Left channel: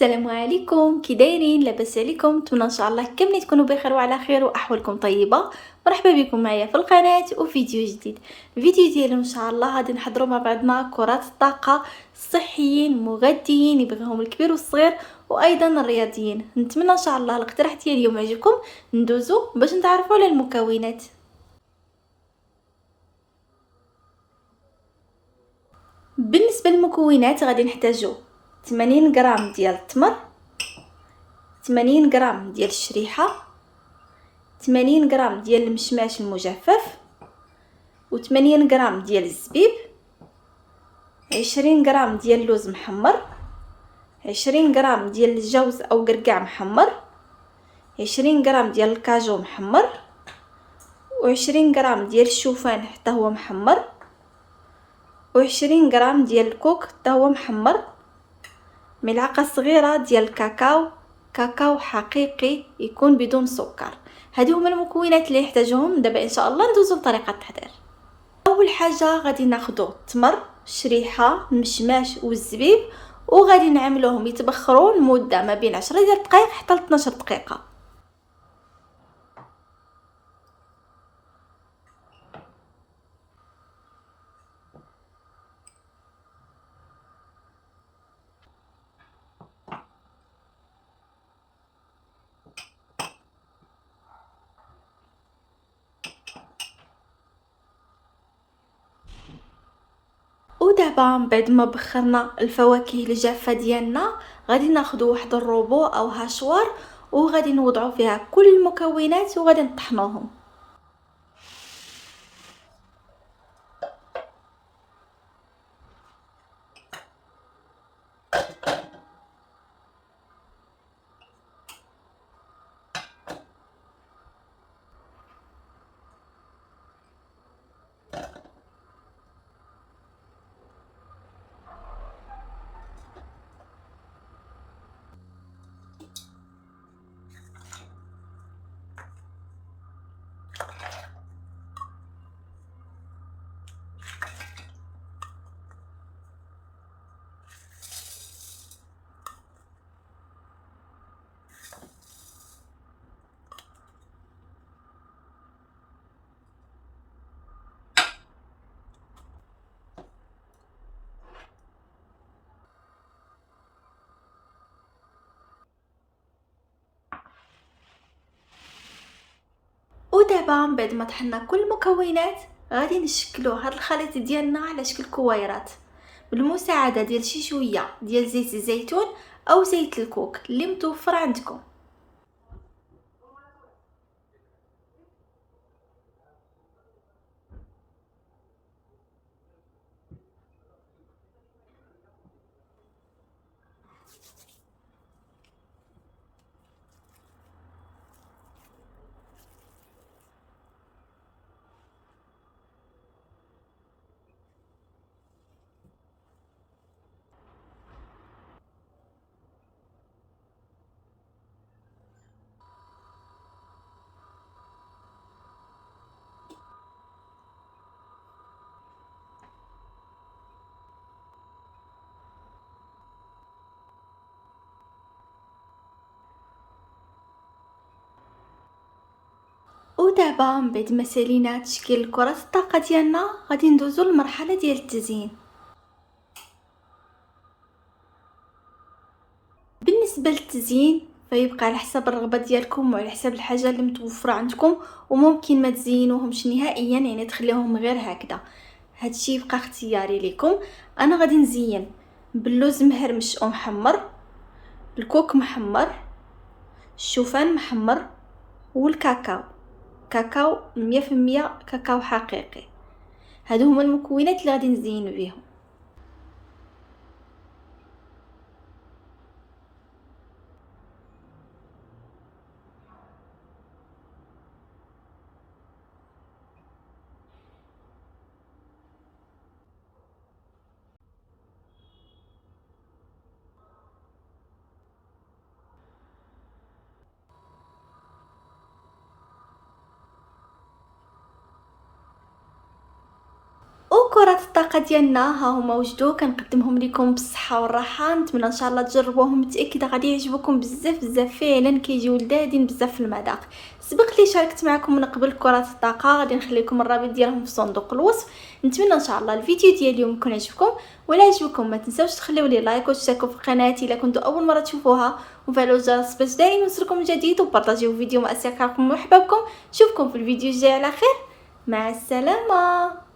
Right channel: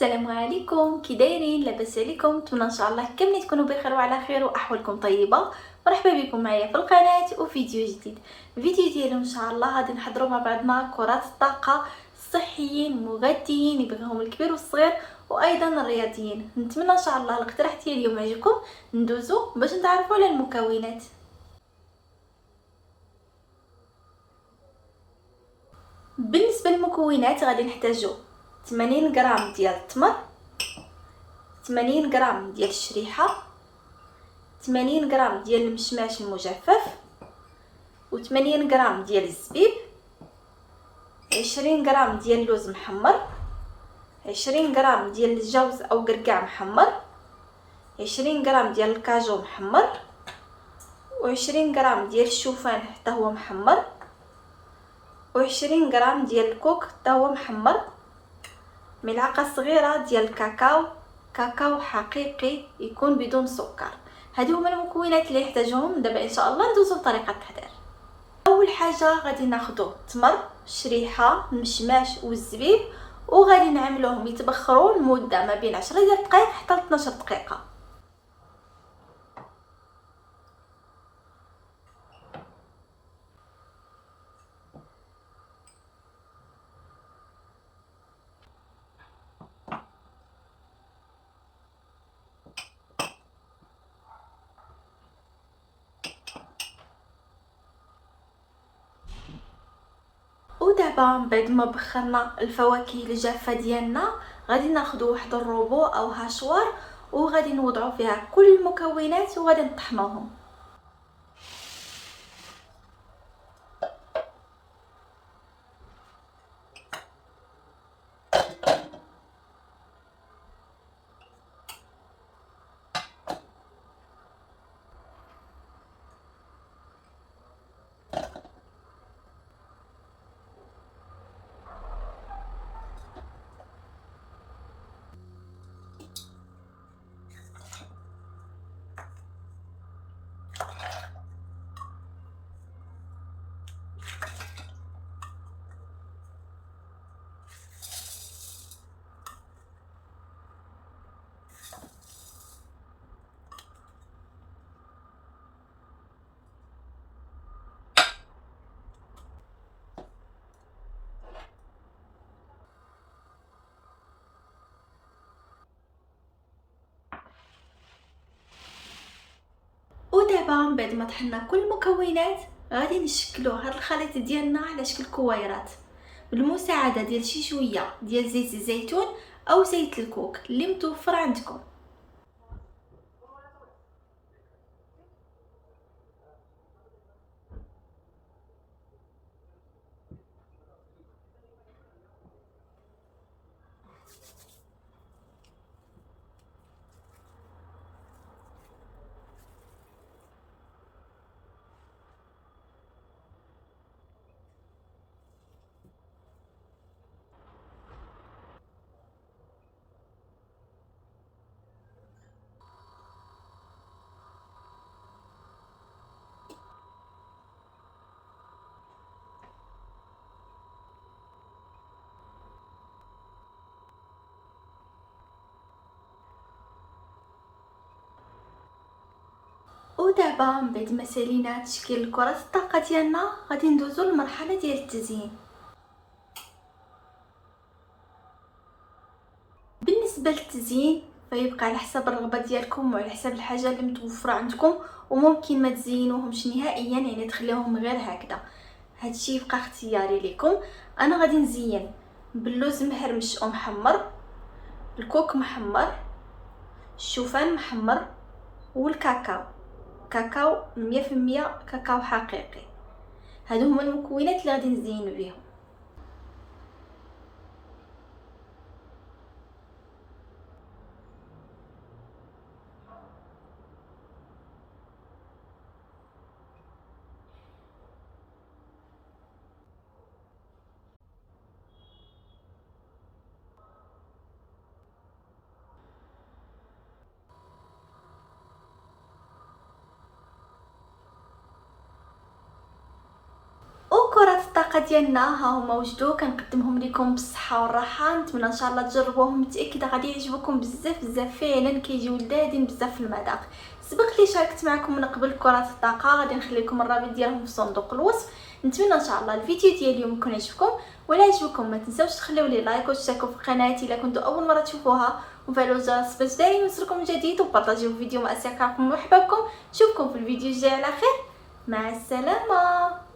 السلام عليكم، كي دايرين؟ لاباس عليكم؟ نتمنى ان شاء الله كاملين تكونوا بخير وعلى خير واحوالكم طيبه. مرحبا بكم معايا في القناه وفيديو جديد. الفيديو ديالو ان شاء الله غادي نحضروا مع بعضنا كرات الطاقه الصحيين مغذيين يبغيهم الكبير والصغير وايضا الرياضيين. نتمنى ان شاء الله الاقتراح ديال اليوم يعجبكم. ندوزو باش نتعرفوا على المكونات. بالنسبه للمكونات غادي نحتاجو 80 غرام ديال التمر، 80 غرام ديال الشريحه، 80 غرام ديال المشماش المجفف، و80 غرام ديال الزبيب، 20 غرام ديال اللوز محمر، 20 غرام ديال الجوز او قرقاع محمر، 20 غرام ديال الكاجو محمر، و20 غرام ديال الشوفان حتى هو محمر، و20 غرام ديال الكوك حتى هو محمر، ملعقه صغيره ديال الكاكاو، كاكاو حقيقي يكون بدون سكر. هادو هما المكونات اللي يحتاجهم. دابا ان شاء الله ندوزو لطريقه التحضير. اول حاجه غادي ناخذوا التمر، الشريحه، المشماش والزبيب، وغادي نعملوهم يتبخروا لمده ما بين 10 دقائق حتى ل 12 دقيقه. ودابا من بعد ما بخرنا الفواكه الجافه ديالنا غادي ناخذوا واحد الروبو او هاشوار وغادي نوضعوا فيها كل المكونات وغادي نطحنوهم. ودابا من بعد ما طحنا كل المكونات غادي نشكلوا هذا الخليط ديالنا على شكل كويرات بالمساعده ديال شي شويه ديال زيت الزيتون او زيت الكوك اللي متوفر عندكم. ودابا من بعد ما سالينا تشكيل كرات الطاقه ديالنا غادي ندوزو للمرحله ديال التزيين. بالنسبه للتزيين فيبقى على حسب الرغبه ديالكم وعلى حسب الحاجه اللي متوفره عندكم، وممكن ما تزينوهمش نهائيا يعني تخليوهم غير هكذا. هادشي يبقى اختياري لكم. انا غادي نزين باللوز مهرمش ومحمر، الكوك محمر، الشوفان محمر، والكاكاو، كاكاو 100% كاكاو حقيقي. هادو هما المكونات اللي غادي نزين بهم. وكرات الطاقه المذاقه ديالنا ها هما وجدوا، كنقدمهم لكم بالصحه والراحه. نتمنى ان شاء الله تجربوهم، متاكده غادي يعجبوكم بزاف بزاف، فعلا كيجيو لذاذين بزاف في المذاق. سبق لي شاركت معكم من قبل كرات الطاقه، غادي نخلي لكم الرابط ديالهم في صندوق الوصف. نتمنى ان شاء الله الفيديو ديال اليوم يكون عجبكم، ولا عجبكم ما تنساوش تخليو لي لايك وتشتركوا في قناتي الا كنتوا اول مره تشوفوها، وفعلوا الجرس باش دايما يوصلكم جديد، وبارطاجيو الفيديو مع اصدقائكم وحبابكم. نشوفكم في الفيديو الجاي على خير، مع السلامه.